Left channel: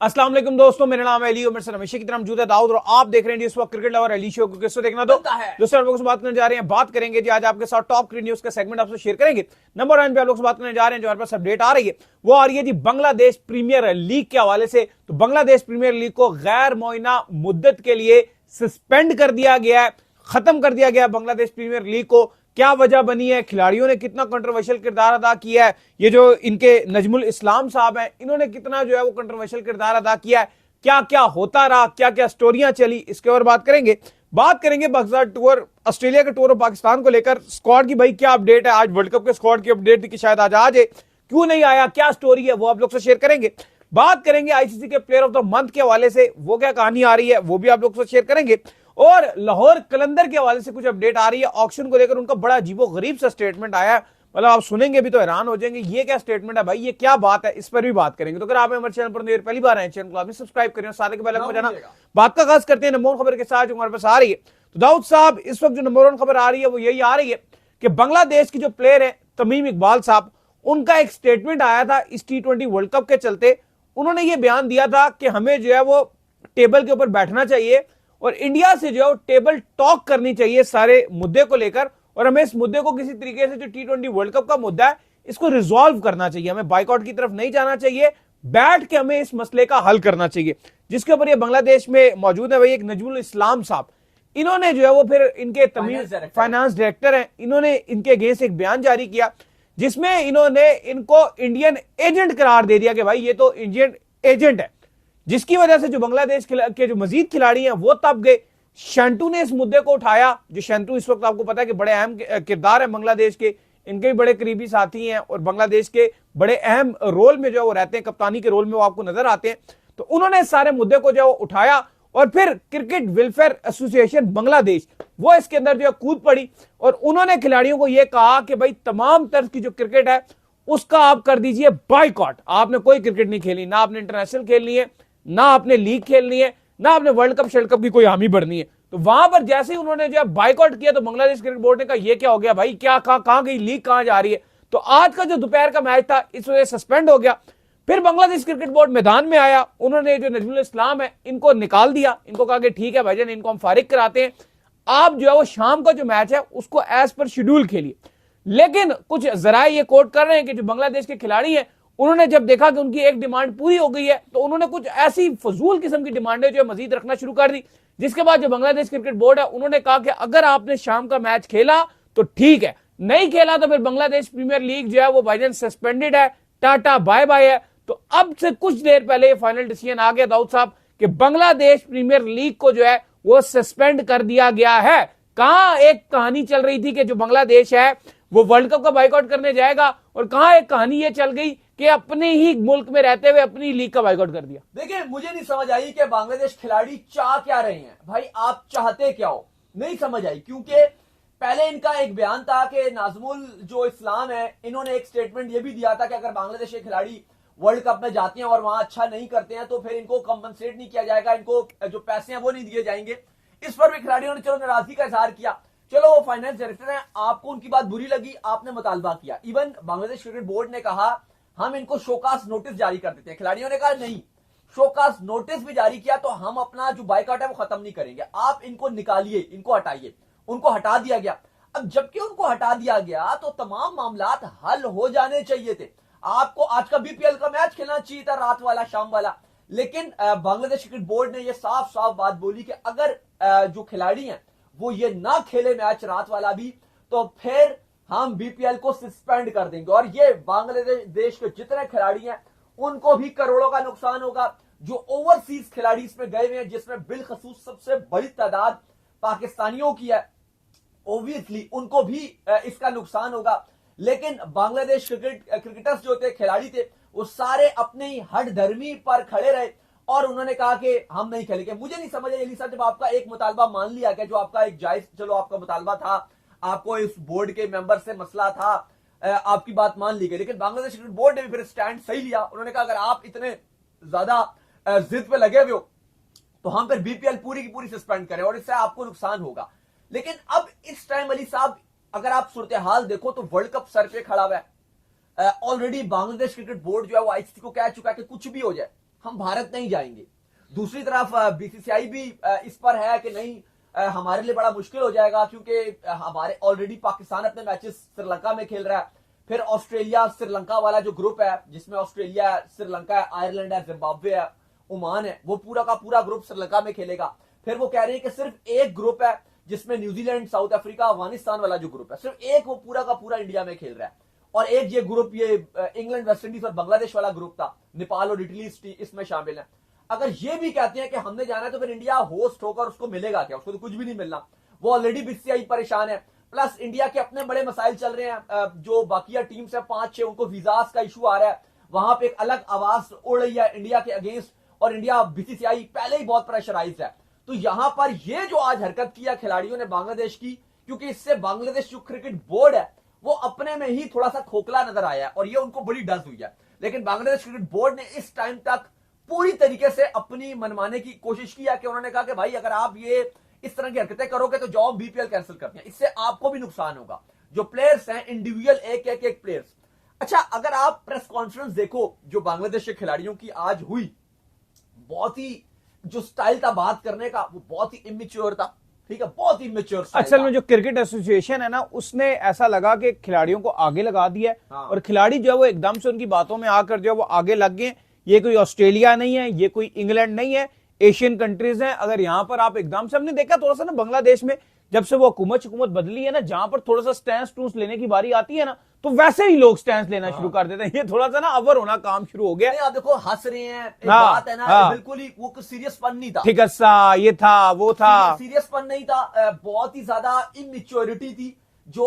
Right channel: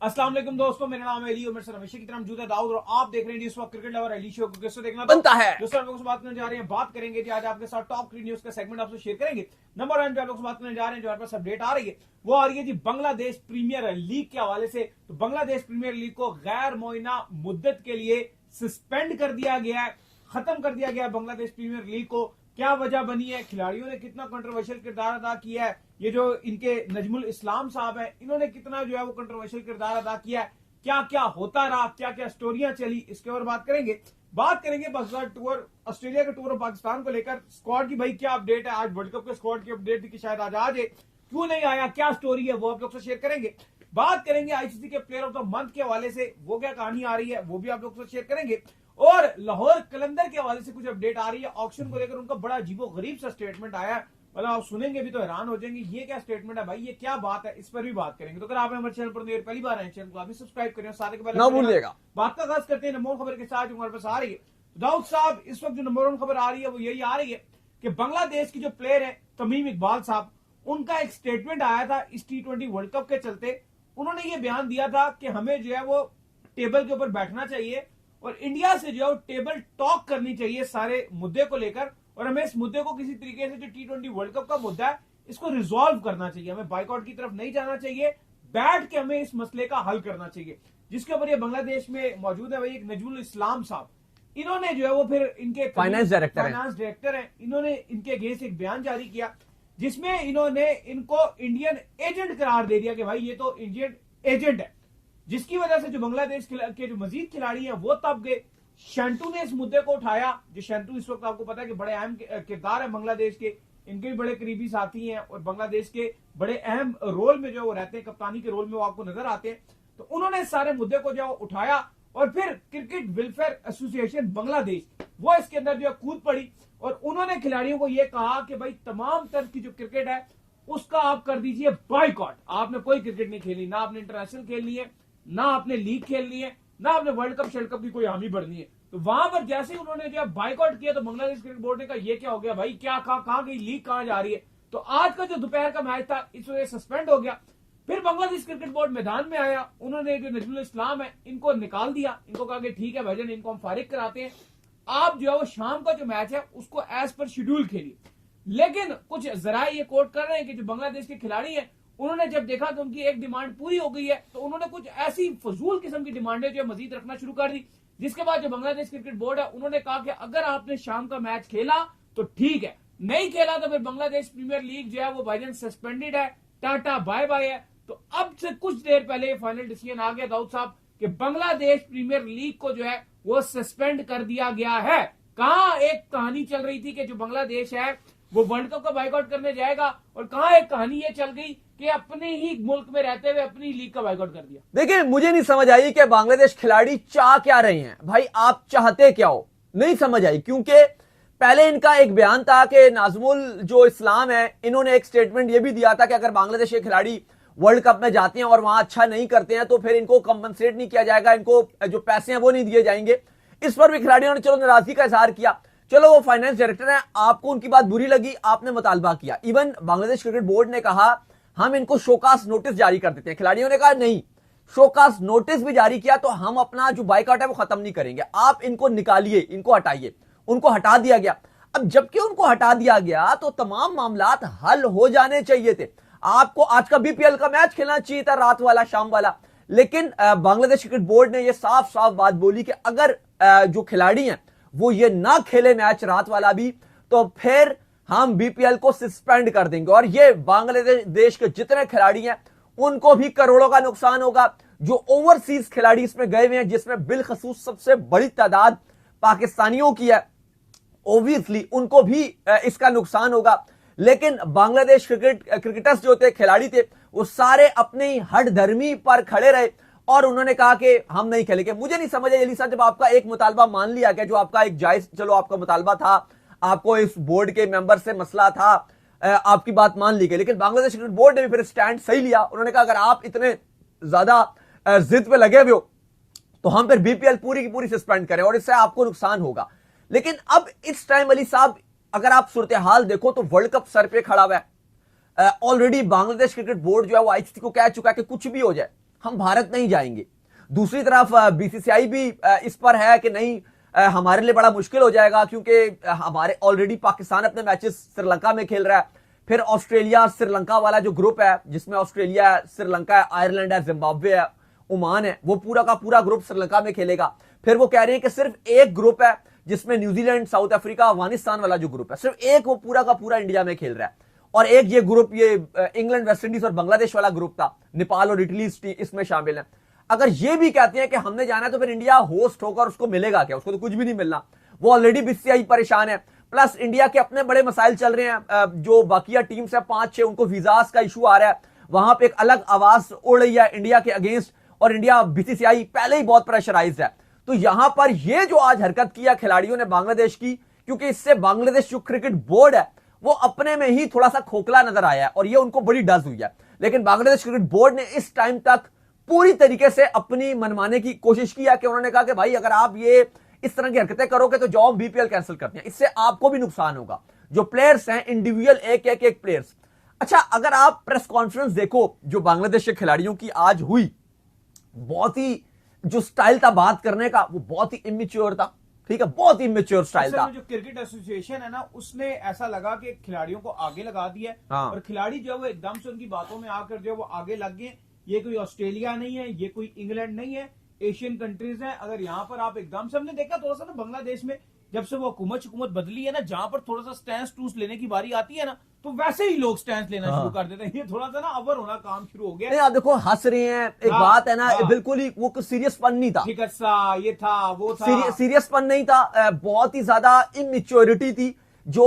अस्सलाम वालेकुम दोस्तों, मेरा नाम है अली और मेरे साथ हमेशा की तरह मौजूद है दाऊद और आप देख रहे हैं इस वक्त क्रिकेट लवर अली शो को। किसको देखना बनता है दोस्तों, आप लोगों से बात करने जा रहे हैं। बात करेंगे जी आज आपके साथ टॉप क्रिकेट न्यूज का सेगमेंट आपसे शेयर करेंगे। नंबर 1 पे आप लोग से बात करने जा रहे हैं, जो हमारे पास अपडेट आ रही है वो आ रही है जी बांग्लादेश प्रीमियर लीग के हवाले से। तो बांग्लादेश प्रीमियर लीग को गैर मुअय्यना मुद्दत के लिए सस्पेंड कर दिया गया है, खत्म कर दिया गया बांग्लादेश प्रीमियर लीग को। क्या वजह बनी है, खिलाड़ियों ने कितना कंट्रोवर्शियल किरदार अदा किया है, ये जो इनके नजमुल इस्लाम साहब हैं इन्होंने कितना जो है वो कंट्रोवर्शियल किरदार अदा किया है, क्या क्या होता रहा, क्या क्या स्टोरियां चली, इसके ऊपर बात करेंगे। बात करेंगे बक्सर टूर, ऑस्ट्रेलिया के टूर और पाकिस्तान को लेकर स्क्वाड की भाई क्या अपडेट है। आज वर्ल्ड कप के स्क्वाड की अपडेट थी कि शायद आज आ जाए, क्यों नहीं आया, क्या स्टोरी है वो आप लोग से शेयर करेंगे। बात करेंगे आईसीसी के प्लेयर ऑफ द मंथ के हवाले से, वो क्या कहानी आ रही है वो भी आप लोग से शेयर करेंगे। और लाहौर कलंदर के हवाले से कुछ अपडेट आ रही है, ऑक्शन को लेकर उनका बड़ा अजीबो गरीब सा स्टेटमेंट आया है। मतलब आप सुनेंगे भी तो हैरान हो जाएंगे, ये क्या स्टेटमेंट है भाई, ये क्या बात है, इस पर भी बात करेंगे। तो अगर आप हमारे चैनल पर पहली बार आए, चैनल को आपने सब्सक्राइब करें, साथ के पहले बात का खास करते हैं नंबर 1 खबर के साथ जो हमारे पास आ रही है। तो दाऊद साहब, इस वक्त जो नंबर 1 खबर आ रही है वो यही आ रही है कि बांग्लादेश की जो प्लेयर है तमीम इकबाल साहब, उनका एक स्टेटमेंट आया था इस T20 वर्ल्ड कप के चलते। उन्होंने ये बयान दिया था कि हमें जो है वो टेबल के ऊपर बैठना चाहिए और इंडिया से जो है टेबल टॉक करनी चाहिए सारे मुद्दे को लेकर, और हमें इस मुद्दे को किसी तरीके से जो T20 वर्ल्ड कप का मुद्दा है इसको रिजॉल्व करना चाहिए, हमें बाइकआउट की तरफ नहीं जाना चाहिए, बैठ के हमें इस मसले का हल करना चाहिए। जिसके ऊपर ये बांग्लादेश में मौजूद है भाई एक नजमुल इस्लाम साहब, इन्होंने जो है वो फिर इनके फाइनेंस डायरेक्टर हैं, इन्होंने इनके अगेंस्ट एक बयान जारी किया जिसमें इन्होंने इनको इंडियन एजेंट करार दे दिया कि भाई ये तो इंडियन एजेंट है, जिसकी वजह से जो बांग्लादेश के जो मजीद खिलाड़ी हैं वो तब गए। शंटू ने इस मुद्दे को उठाया, जो शंटू इस वक्त आपको पता है कि बड़े अहम किरदार है बांग्लादेश के, इनके भी बड़े करीबी साथी हैं और बांग्लादेश के बड़े अहम रोल में जो वो रहते हैं, कप्तानी के रोल में वो आपको नजर आते हैं। तो उन्होंने इस सारे मुद्दे को जो उठाया और फिर क्रिकेट वेलफेयर एसोसिएशन बांग्लादेश वो इसके अंदर जो कूद पड़ी और उन्होंने खिलाड़ियों को यह कहा कि भाई तमाम तर्ज की जो क्रिकेट है उसका आप कर दीजिए बाइकआउट, आपने कोई क्रिकेट नहीं खेलनी, ना आपने इंटरनेशनल खेलनी है, ना आपने लीग खेलनी है, ना आपने वर्ल्ड कप शेल्ड कप की कोई हामी बढ़नी है। तो वहां पर जैसे ही उन्होंने जो बाइकआउट किया तो बांग्लादेश क्रिकेट बोर्ड ने कहा ये क्या हो गया भाई, क्या कहां गई लीग, कहां जा रही है। तो आज का जो दोपहर का मैच था इस वजह से सस्पेंड हो गया। फिर बांग्लादेश क्रिकेट बोर्ड मैदान में आया, उन्होंने जो नजमुल इस्लाम है इनको निकाल दिया, इनको कहा कि ठीक है भाईजान, इनको हम फारिग कराते हैं, आप जो है वो शाम का जो मैच है उसको एज पर शेड्यूल खेलिए। लेकिन कुछ जरा ये कोट कर रहे हैं कि जो बांग्लादेश के खिलाड़ी हैं उन्होंने जब देखा कि उनकी एक डिमांड पूरी हो गई है तो उन्होंने कुछ ऐसी फजूल किस्म की डिमांडें जो है मजीद रखना शुरू कर दी। जिसके बाद जो बांग्लादेश क्रिकेट बोर्ड है उन्होंने कहा कि अगर आपने शाम का मैच खेला तो ठीक है, नहीं खेला तो फिर बांग्लादेश प्रीमियर लीग जो है वो भाईजान सस्पेंडेड है, टाटा बाय बाय है। तो अब से कुछ देर पहले ये फाइनल डिसीजन आ गया दाऊद साहब कि बांग्लादेश प्रीमियर लीग को जो है वो सस्पेंड कर दिया गया है। कहां एक कहानी चल रही थी कि जो बांग्लादेश है वो वर्ल्ड कप का बाइकआउट करने जाएगा, और कहां एक कहानी ये चल गई कि अपने ही मुल्क में रहते हुए अपनी लीग का बाइकआउट कर दिया। देखिए, मुझे नहीं समझ आई कि बांग्लादेश खिलाड़ी चाह क्या रहे हैं भाई, आप चाहते क्या हो, नहीं समझ आई। क्योंकि पहले इनका एक बयान था कि नाजमुल जो इस्लाम है इन्होंने एक स्टेटमेंट ये भी दिया था कि अगर बांग्लादेश के खिलाड़ी वर्ल्ड कप में जाते हैं और वहां अच्छा नहीं करते हैं तो फिर इनको कंपनसेट नहीं किया जाएगा, इनको जो पैसे हैं वो नहीं दिए जाएंगे। इस पर भी खिलाड़ियों ने चलो नाराजगी का इजहार किया, चलो वो फाइनेंस डायरेक्टर है, आपको उनकी बात बुरी लगी, आपने मुतालबा किया। इवन बांग्लादेश क्रिकेट बोर्ड ने कहा हम इनको शोकास नोटिस जारी कर देते हैं, खिलाड़ियों ने कहा नहीं, शोकास नोटिस भी जारी किया तो हम अपना जो बाइकआउट है वो खत्म नहीं करेंगे, आप इनको निकालिए, इनको हटाइए। उनको हटा दिया गया। अब जबकि उनको हटा दिया गया तो तमाम मामलात हल हो जाने चाहिए थे। आपको आज का बीपीएल का मैच खेलना चाहिए था, रात वाला, शाम वाला। लेकिन बांग्लादेश क्रिकेट बोर्ड ने यह साफ साफ बात बोली कि अगर जो खिलाड़ी हैं वो ये ना खेले मैच रात वाला भी तो फिर हम बीपीएल को सस्पेंड कर देंगे, और ये बांग्लादेश के जितने खिलाड़ी हैं उनको भी करोड़ों का नुकसान होगा। जो ओवरसीज खिलाड़ी इसमें गए हुए हैं जिसमें बिलखसूस सबसे बड़ी तादाद पाकिस्तानियों की है, ऑब्वियसली उनको भी इसका नुकसान होगा। लेकिन बांग्लादेश क्रिकेटर्स जो थे, खिलाड़ी थे, वो सारे अपनी हट धर्मी पर खड़े रहे और उन्होंने कहा कि हम नहीं खेलेंगे। मुझे नहीं समझ आई अली साहब, जब आपका एक मुतालबा मान लिया गया, जो आपका एक जायज, चलो आपका मुतालबा था, आपको इस बोर्ड के मेंबर से मसला था, आपकी बात मान ली गई, लेकिन बांग्लादेश क्रिकेट बोर्ड ने भी फिर स्टैंड सही लिया। उन्होंने कहा अगर आप इतने ज्यादा जिद पे लगे हुए हो तो हम फिर बीपीएल पूरी की पूरी सस्पेंड करें और इससे आपको नुकसान होगा। लेकिन अब इस टाइम अली साहब अगर आप सूरत हाल देखो तो वर्ल्ड कप सर पे खड़ा हुआ है। ऑलरेडी बांग्लादेश क्रिकेट बोर्ड जो है वो आईसीसी को कह चुका है कि कुछ भी हो जाए हम भारत नहीं जाएंगे। दूसरी तरफ बीसीसीआई भी इस पर है कि नहीं, हमारे लिए बड़ा मुश्किल हो जाएगा, क्योंकि हमारे ऑलरेडी पाकिस्तान अपने मैचेस श्रीलंका में खेल रहा है, फिर ऑस्ट्रेलिया श्रीलंका वाला जो ग्रुप है जिसमें ऑस्ट्रेलिया है, श्रीलंका है, आयरलैंड है, जिम्बाब्वे है, ओमान है, वो पूरा का पूरा ग्रुप श्रीलंका में खेलेगा। फिर वो कह रहे हैं कि सिर्फ एक ग्रुप है जिसमें न्यूजीलैंड, साउथ अफ्रीका, अफगानिस्तान वाला जो ग्रुप है, सिर्फ एक वो पूरा का पूरा इंडिया में खेल रहा है, और एक ये ग्रुप ये इंग्लैंड, वेस्ट इंडीज और बांग्लादेश वाला ग्रुप था, नेपाल और इटली इसमें शामिल है। अगर ये भी कहते हैं कि हमने जाना है तो फिर इंडिया होस्ट होकर उसको मिलेगा क्या? उसको तो कुछ भी नहीं मिलना, वो ऑलरेडी बीसीसीआई परेशान है। प्लस इंडिया के अपने बड़े मसाइल चल रहे हैं, जो बाकिया टीम्स है 5-6 उनको वीजास का इशू आ रहा है, वहां पे एक अलग आवाज उड़ रही है इंडिया के अगेंस्ट, और इंडिया बीसीसीआई पहले ही बहुत प्रेशराइज्ड है। तो यहां पर ये जो आज हरकत किया खिलाड़ियों ने बांग्लादेश की, क्योंकि इससे बांग्लादेश जो क्रिकेट बोर्ड है वो अपने में ही थोड़ा सा खोखला नजर आया है और ये उनको बड़ी डज हुई है। लेकिन बांग्लादेश क्रिकेट बोर्ड ने इस टाइम तक पूरी तरीके से अपनी मनमाने की कोशिश की है कि उन्होंने कहा कि भाई अगर आप ये इस तरह की हरकतें करोगे तो जाओ बीपीएल कैंसिल करते हैं, इससे आपको भी नुकसान होगा। जो प्लेयर्स हैं इंडिविजुअल एक प्लेयर्स। अच्छा, अगर आप प्रेस कॉन्फ्रेंस देखो जो बांग्लादेश के खिलाड़ियों की आज हुई, बहुत ही जो स्टाइल था बात करने का वो बहुत ही इमेच्योर था, ठीक है, बहुत ही इमेच्योर स्टाइल असल में जो क्रिकेट एसोसिएशन है ना, उसने ऐसा लगा कि खिलाड़ियों को आगे लगा दिया है। हाँ। और खिलाड़ी जो है वो एकदम से उनकी बातों में आकर जो है वो आगे लग गए। ये कोई ऑस्ट्रेलिया नहीं है, ये कोई इंग्लैंड नहीं है, एशियन कंट्रीज हैं। अगर यहां पर आप एकदम से, हमने देखा थोड़ा सा ना बांग्लादेश में जब से वो हुकूमत बदली है ना, जहां पर थोड़ा सा स्टैंड टूंस लेने की बारी आती है ना, तो वैसे ही लोग स्टैंड लेना शुरू कर देते हैं। ये थोड़ा सा ना अवर होना काम शुरू हो गया। आप देखो हंस रहे हैं, एक बात है ना, बिल्कुल ही वो कुछ सीरियसपन नहीं था, ठीक है सा, ये था वो था, सीरियसपन नहीं था, बहुत ही ज्यादा इमेच्योरिटी थी। जो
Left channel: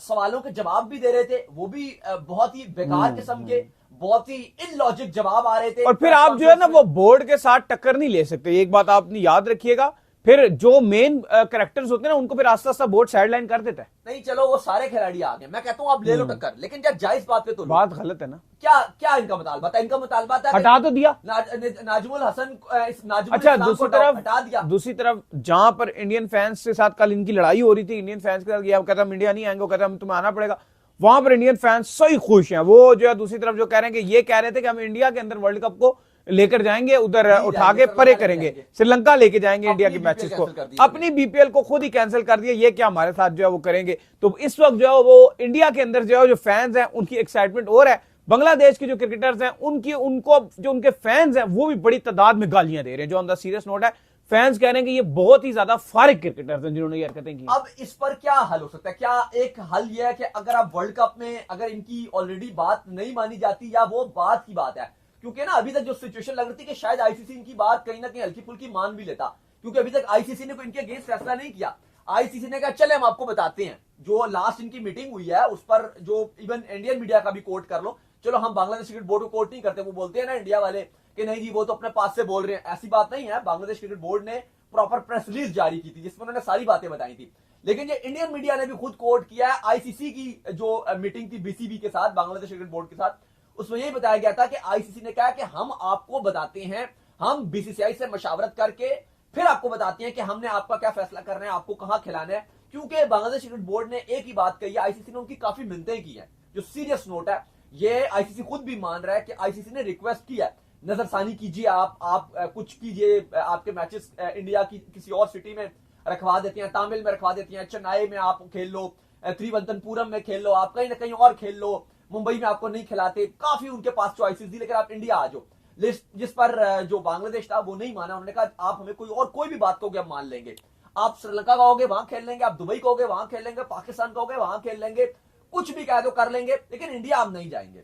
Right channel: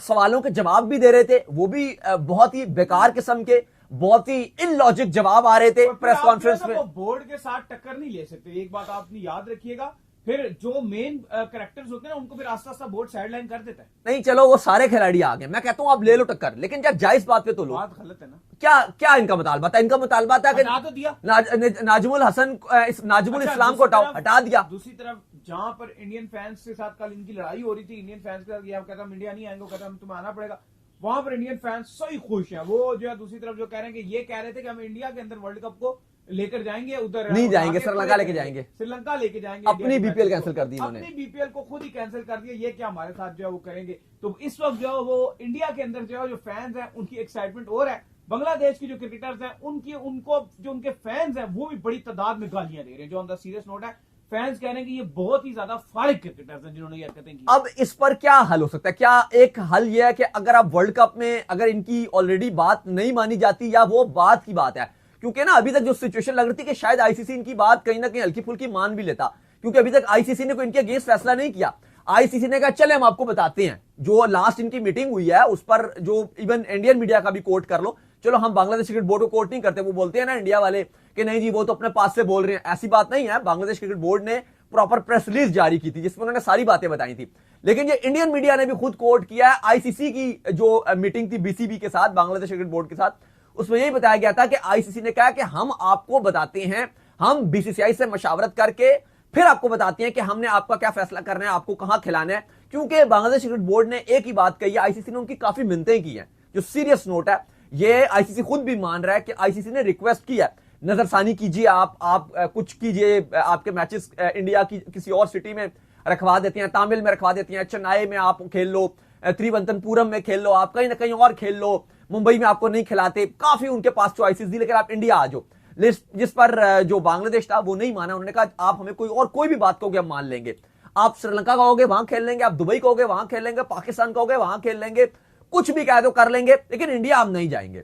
सवालों के जवाब भी दे रहे थे वो भी बहुत ही बेकार किस्म के, बहुत ही इलॉजिक जवाब आ रहे थे। और फिर आप जो है ना वो बोर्ड के साथ टक्कर नहीं ले सकते, एक बात आपने याद रखिएगा। फिर जो मेन कैरेक्टर्स होते हैं ना, उनको फिर आस्ता आस्ता बोर्ड साइडलाइन कर देता है। नहीं चलो वो सारे खिलाड़ी आ गए, मैं कहता हूं आप ले लो टक्कर, लेकिन क्या जायज बात पे तो लो। बात गलत है ना। क्या इनका मुतालबा था? इनका मुतालबा था हटा तो दिया नाजुमुल हसन, नाजुमुल इस्लाम को हटा दिया। दूसरी तरफ जहां पर इंडियन फैंस के साथ कल इनकी लड़ाई हो रही थी, इंडियन फैंस के साथ, ये कहता हम इंडिया नहीं आएंगे, कहता हम तुम्हें आना पड़ेगा, वहां पर इंडियन फैंस सही खुश हैं। वो जो है दूसरी तरफ जो कह रहे हैं कि ये कह रहे थे कि हम इंडिया के अंदर वर्ल्ड कप को लेकर जाएंगे, उधर उठा के परे करेंगे, श्रीलंका लेके जाएंगे इंडिया के मैचेस को, अपनी बीपीएल को खुद ही कैंसिल कर दिया। ये क्या हमारे साथ जो है वो करेंगे? तो इस वक्त जो है वो इंडिया के अंदर जो है जो फैंस हैं उनकी एक्साइटमेंट और है, बांग्लादेश के जो क्रिकेटर्स हैं उनको जो उनके फैंस हैं वो भी बड़ी तादाद में गालियां दे रहे हैं। जो ऑन द सीरियस नोट है, फैंस कह रहे हैं कि ये बहुत ही ज्यादा फारिग क्रिकेटर्स हैं जिन्होंने ये हरकतें की। अब इस पर क्या हल हो सकता है? क्या एक हल यह है कि अगर आप वर्ल्ड कप में अगर इनकी ऑलरेडी बात नहीं मानी जाती, या वो बात की बात है, क्योंकि ना अभी तक जो सिचुएशन लग रही थी कि शायद आईसीसी इनकी बात कहीं ना कहीं हल्की फुल्की मान भी लेता, क्योंकि अभी तक आईसीसी ने कोई इनके अगेंस्ट फैसला नहीं किया। आईसीसी ने कहा चले हम आपको बताते हैं, जो लास्ट इनकी मीटिंग हुई है उस पर जो इवन इंडियन मीडिया का भी कोट कर लो, चलो हम बांग्लादेश क्रिकेट बोर्ड को कोट नहीं करते, वो बोलते हैं ना इंडिया वाले कि नहीं जी वो तो अपने पास से बोल रहे हैं, ऐसी बात नहीं है। बांग्लादेश क्रिकेट बोर्ड ने प्रॉपर प्रेस रिलीज जारी की थी जिसमें उन्होंने सारी बातें बताई थी, लेकिन ये इंडियन मीडिया ने भी खुद कोट किया है आईसीसी की जो मीटिंग थी बीसीबी के साथ, बांग्लादेश क्रिकेट बोर्ड के साथ, उसमें यही बताया गया था कि आईसीसी ने कहा कि हम आपको बताते हैं, हम बीसीसीआई से मशावरत करके फिर आपको बताते हैं कि हमने आपका क्या फैसला करना है, आपको कहां खिलाना है। क्योंकि बांग्लादेश क्रिकेट बोर्ड ने एक ही बात कही है, आईसीसी ने उनकी काफी मिन्नतें की है। जो सीरियस नोट है, ये आईसीसी खुद भी मान रहा है कि आईसीसी ने रिक्वेस्ट की है, नजरसानी कीजिए, आप कुछ कीजिए, आपके मैचेस इंडिया की किसी और सिटी में रखवा देते हैं, तामिल में रखवा देते हैं, चेन्नई में आप खेल लो, त्रिवंतनपुरम में खेल लो, आप कहीं ना कहीं और खेल लो, मुंबई में आपको नहीं खिलाते। काफी उनके पास चॉइसेस थी, लेकिन आप इंडिया आ जाओ। जिस पर जो बांग्लादेश था वो नहीं माना, उन्होंने कहा आप हमें कोई भी बात कहोगे हम मान लेंगे। आप श्रीलंका कहोगे वहां खेल लेंगे, आप दुबई कहोगे वहां खेल लेंगे, पाकिस्तान कहोगे वहां खेल लेंगे, कुछ भी कह दो कर लेंगे, लेकिन इंडिया हम नहीं जाएंगे।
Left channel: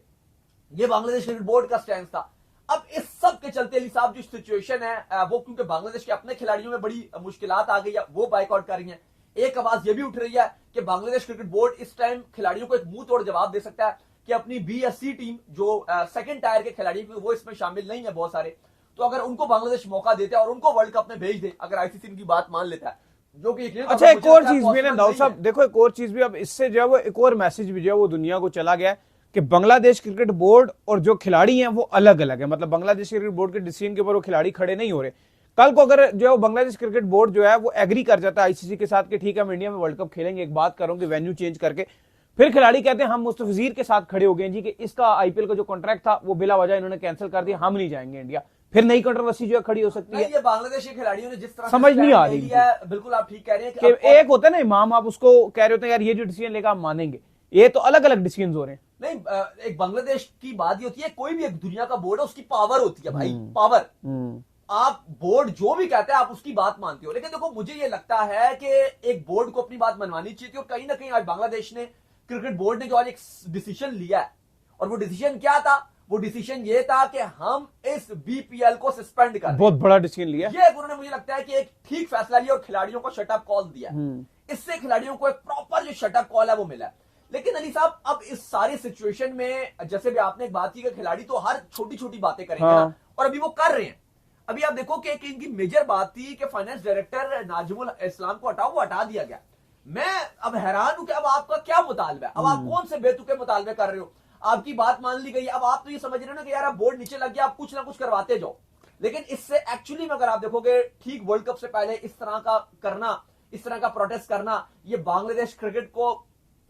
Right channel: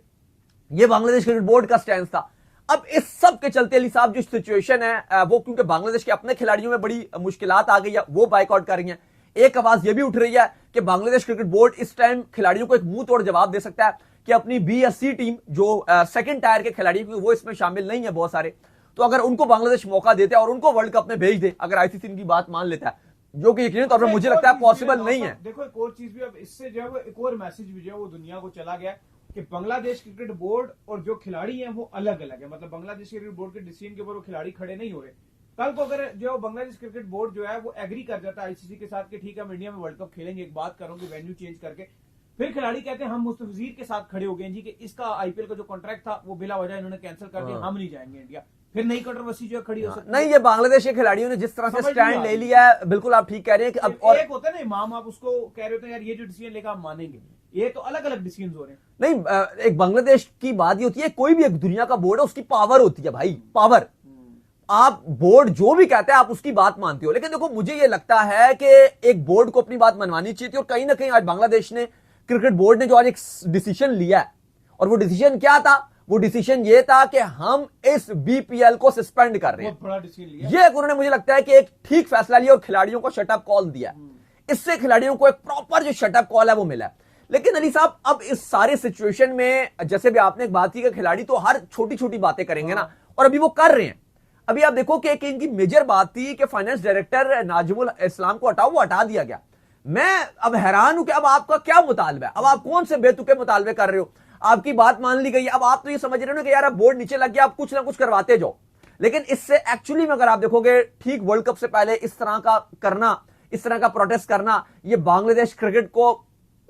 ये बांग्लादेश क्रिकेट बोर्ड का स्टैंड था। अब इस सब के चलते अली साहब जो सिचुएशन है वो, क्योंकि बांग्लादेश के अपने खिलाड़ियों में बड़ी मुश्किलात आ गई है, वो बाइकआउट कर रही है। एक आवाज यह भी उठ रही है कि बांग्लादेश क्रिकेट बोर्ड इस टाइम खिलाड़ियों को एक मुंह तोड़ जवाब दे सकता है कि अपनी बीएससी टीम जो सेकंड टायर के खिलाड़ी, वो इसमें शामिल नहीं है बहुत सारे, तो अगर उनको बांग्लादेश मौका देता है और उनको वर्ल्ड कप में भेज दे, अगर आईसीसी इनकी बात मान लेता है, जो कि यकीनन तौर पर मुझे लगता है पॉसिबल नहीं है। देखो एक और चीज भी, अब इससे जो है वो एक और मैसेज भी जो है वो दुनिया को चला गया है कि बांग्लादेश क्रिकेट बोर्ड और जो खिलाड़ी हैं वो अलग अलग है। मतलब बांग्लादेश क्रिकेट बोर्ड के डिसीजन के ऊपर वो खिलाड़ी खड़े नहीं हो रहे। कल को अगर जो है बांग्लादेश क्रिकेट बोर्ड जो है वो एग्री कर जाता है आईसीसी के साथ कि ठीक है हम इंडिया में वर्ल्ड कप खेलेंगे, एक बात करूंगी वेन्यू चेंज करके, फिर खिलाड़ी कहते हैं हम मुस्तफिजीर के साथ खड़े हो गए जी कि इसका आईपीएल का जो कॉन्ट्रैक्ट था वो बिला वजह इन्होंने कैंसिल कर दिया, हम नहीं जाएंगे इंडिया, फिर नई कंट्रोवर्सी जो है खड़ी हो सकती है। नहीं, ये बांग्लादेश के खिलाड़ियों ने जिस तरह से समझ नहीं स्टैंड आ ले रही लिया है, बिल्कुल आप ठीक कह रहे हैं कि एक होता है ना इमाम, आप उसको कह रहे होते हैं यार ये जो डिसीजन लेगा आप मानेंगे, ये तो अलग अलग डिसीजन हो रहे हैं। नहीं, एक बांग्लादेश की बात ये होती है, कोई भी एक दुनिया का बोर्ड है, उसकी पावर होती है भाई, पावर। आप बोर्ड जो भी कहता है आप उसकी बात मानते हो, लेकिन देखो मुझे ये लगता है कि एक बोर्ड को अपनी बात मनवानी चाहिए थी, और कहीं ना कहीं आज बांग्लादेश ने, क्रिकेट बोर्ड ने जो आज एक डिसीजन लिया है, और वो डिसीजन क्या था? वो डिसीजन ये था कि हम इस बीपीएल को सस्पेंड कर रहे हैं। बहुत बड़ा डिसीजन लिया ये उन्होंने, मुझे लगता है कि एक ठीक फैसला लिया और खिलाड़ियों को शटअप कॉल दिया। इससे खिलाड़ियों को एक प्रॉपर जो शटअप कॉल है वो मिला। लेकिन अली साहब, अब इस सारे सिचुएशन में जैसे भी आपने एक बात की कि खिलाड़ी तो हर छोटी छोटी बातें करेंगे ना, और अभी वो कर रहे हैं। अभी आप देखो कि एक इनकी मेजर बात थी कि फाइनेंस डायरेक्टर नाजिमुल इस्लाम को हटाओ, वो हटा दिया गया। मैं अब हैरान हूं कि अब आपका क्या मुतालबा है? अब आप कौन से बेतुके मुतालबे कर रहे हो? आपकी बात मान ली गई, अब आप तो ये समझ रहे हो ना कि यार अब बोर्ड नीचे लग गया, आप कुछ ना कुछ करवाते जाओ। लेकिन इससे एक्चुअली में अगर आप देखोगे, ठीक वर्ल्ड कप से पहले इस तरह का करना, इस तरह का प्रोटेस्ट करना, ये बांग्लादेश क्रिकेट को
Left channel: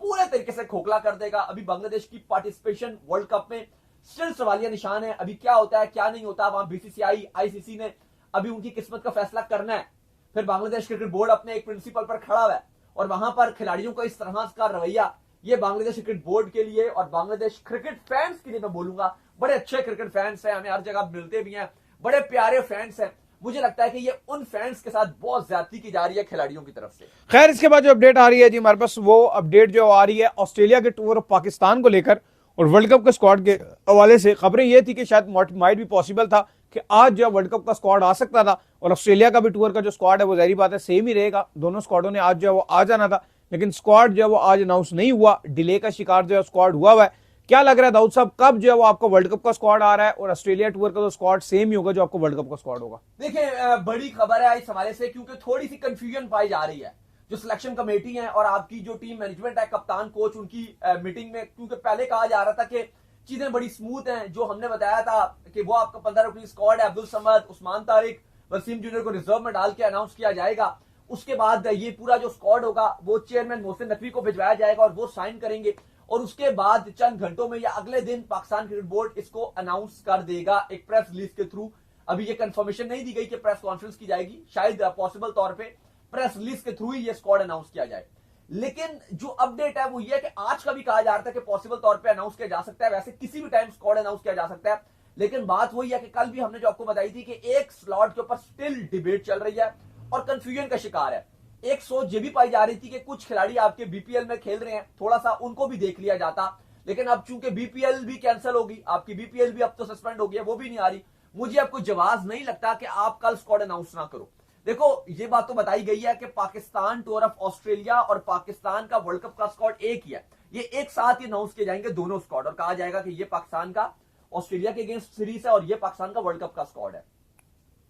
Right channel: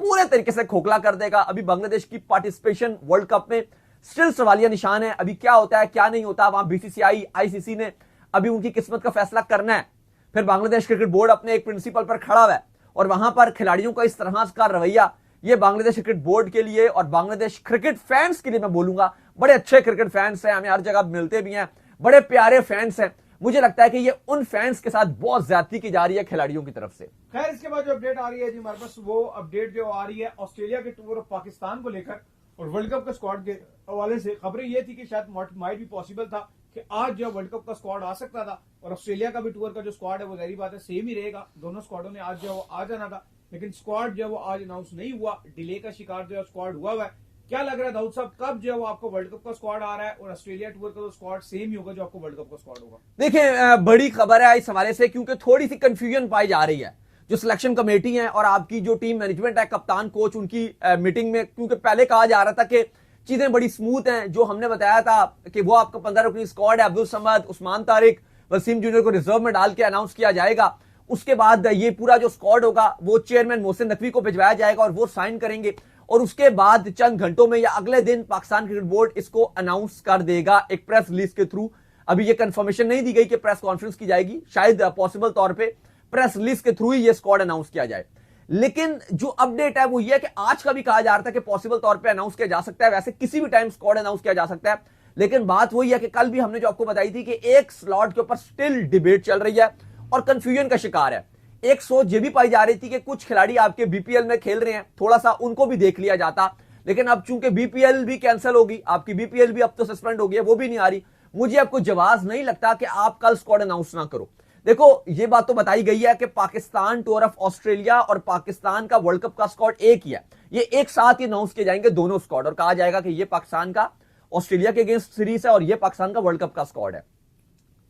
पूरे तरीके से खोखला कर देगा। अभी बांग्लादेश की पार्टिसिपेशन वर्ल्ड कप में स्टिल सवालिया निशान है। अभी क्या होता है क्या नहीं होता, वहां बीसीसीआई, आईसीसी ने अभी उनकी किस्मत का फैसला करना है। फिर बांग्लादेश क्रिकेट बोर्ड अपने एक प्रिंसिपल पर खड़ा हुआ है, और वहां पर खिलाड़ियों का इस तरह का रवैया, ये बांग्लादेश क्रिकेट बोर्ड के लिए और बांग्लादेश क्रिकेट फैंस के लिए मैं बोलूंगा, बड़े अच्छे क्रिकेट फैंस हैं, हमें हर जगह मिलते भी हैं, बड़े प्यारे फैंस हैं। मुझे लगता है कि ये उन फैंस के साथ बहुत ज्यादती की जा रही है खिलाड़ियों की तरफ से। खैर, इसके बाद जो अपडेट आ रही है जी हमारे पास, वो अपडेट जो आ रही है ऑस्ट्रेलिया के टूर ऑफ पाकिस्तान को लेकर और वर्ल्ड कप के स्क्वाड के हवाले से। खबरें ये थी कि शायद माइट भी पॉसिबल था कि आज जो वर्ल्ड कप का स्क्वाड आ सकता था, और ऑस्ट्रेलिया का भी टूर का जो स्क्वाड है वो जाहिर बात है सेम ही रहेगा। दोनों स्क्वाडों ने आज जो है वो आ जाना था, लेकिन स्क्वाड जो है वो आज अनाउंस नहीं हुआ, डिले का शिकार जो है स्क्वाड हुआ है। क्या लग रहा है दाऊद साहब, कब जो है वो आपको वर्ल्ड कप का स्क्वाड आ रहा है, और ऑस्ट्रेलिया टूर का तो स्क्वाड सेम ही होगा जो आपको वर्ल्ड कप का स्क्वाड होगा? देखिए, बड़ी खबर है इस हवाले से, क्योंकि थोड़ी सी कंफ्यूजन पाई जा रही है। जो सिलेक्शन कमेटी है और आपकी जो टीम मैनेजमेंट है, कप्तान कोच, उनकी मीटिंग में, क्योंकि पहले कहा जा रहा था कि चीजें बड़ी स्मूथ हैं, जो हमने बताया था कि वो आपका 15 रुकनी स्क्वाड है, अब्दुल समद, उस्मान तारिक, वसीम जूनियर को रिजर्व में डाल के अनाउंस किया जाएगा। उसके बाद ये पूरा जो स्क्वाड होगा वो चेयरमैन मोहसिन नकवी को भिजवाया जाएगा और वो साइन करेंगे, और उसके बाद चंद घंटों में या अगले दिन पाकिस्तान क्रिकेट बोर्ड इसको अनाउंस कर देगा एक प्रेस रिलीज के थ्रू। अभी ये कंफर्मेशन नहीं दी गई कि प्रेस कॉन्फ्रेंस की जाएगी, शायद पॉसिबल तौर पे प्रेस रिलीज के थ्रू ही ये स्क्वाड अनाउंस किया जाए। लेकिन जो अपडेट है वो ये है कि आज का भी कहा जा रहा था कि पॉसिबल तौर पे अनाउंस किया जा सकता है, वैसे किसी भी टाइम स्क्वाड अनाउंस किया जा सकता है। लेकिन बात वही है कि कल भी हमने जो आपको बताई थी कि एक स्लॉट के ऊपर स्टिल डिबेट चल रही है और कंफ्यूजन का शिकार है। एक सोच ये भी पाई जा रही थी कि कुछ खिलाड़ी आपके बीपीएल में खेल रहे हैं, थोड़ा सा उनको भी देख लिया जाता, लेकिन अब चूंकि बीपीएल भी कैंसिल होगी, आपकी बीपीएल भी अब तो सस्पेंड हो गई है, वो भी नहीं आ रही। मुझे आपको जवाब नहीं लगता कि आप कल स्क्वाड अनाउंस ना करो। देखो, ये बात तो बताई गई है कि पाकिस्तान टूर ऑफ ऑस्ट्रेलिया और पाकिस्तान का वर्ल्ड कप का स्क्वाड एक ही है, ये एक साथ ही अनाउंस किए जाएंगे दोनों स्क्वाड, और कहा जाएगा कि ये पाकिस्तान का ऑस्ट्रेलिया के अगेंस्ट सीरीज है और ये पाकिस्तान का वर्ल्ड कप का स्क्वाड है।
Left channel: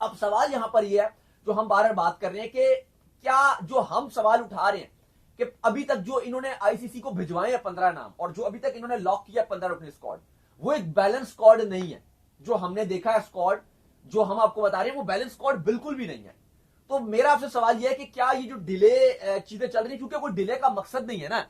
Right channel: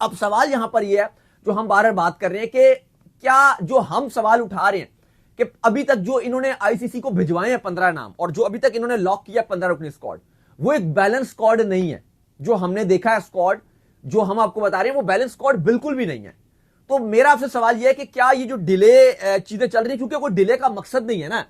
अब सवाल यहां पर यह है, जो हम बार बार बात कर रहे हैं कि क्या जो हम सवाल उठा रहे हैं कि अभी तक जो इन्होंने आईसीसी को भिजवाए हैं 15 नाम, और जो अभी तक इन्होंने लॉक किया 15 रुकनी स्क्वाड, वो एक बैलेंस स्क्वाड नहीं है। जो हमने देखा है स्क्वाड, जो हम आपको बता रहे हैं, वो बैलेंस स्क्वाड बिल्कुल भी नहीं है। तो मेरा आपसे सवाल यह है कि क्या ये जो डिले चीजें चल रही है, क्योंकि कोई डिले का मकसद नहीं है ना।